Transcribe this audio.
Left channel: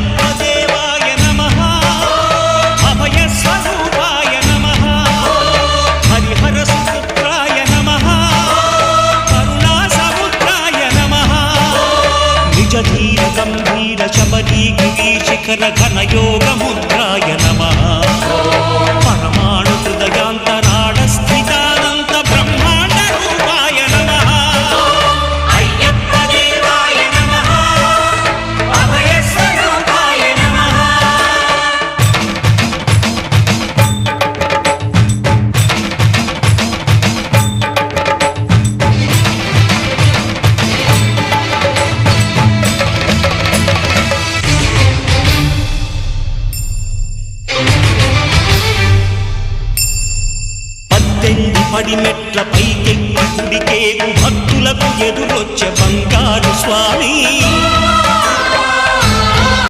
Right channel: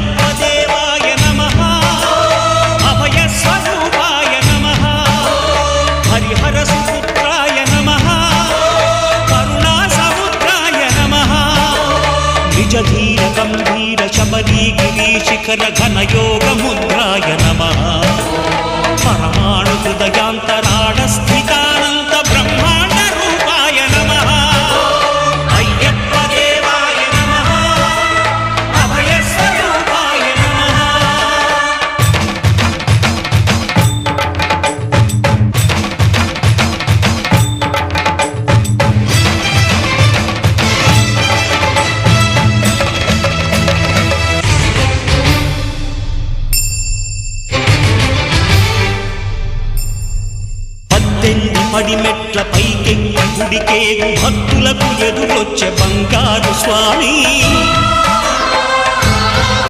అయ్యప్ప దేవాయ నమః అభయ స్వరూపాయ నమః హరిహర సుపుత్రాయ నమః కరుణా సముద్రాయ నమః నిజ ధీర గంభీర శబరీ గిరీశిఖర ఘనయోగ ముద్రాయ నమః పరమాణు హృదయాంతరాళ స్థితానంత బ్రహ్మాండ రూపాయ నమః అయ్యప్ప దేవాయ నమః అభయ స్వరూపాయ నమః పద్దెంది పడిమెట్ల పైకెక్కి గుడికేగు భక్తులకు ఎదురొచ్చే బంగారు స్వామి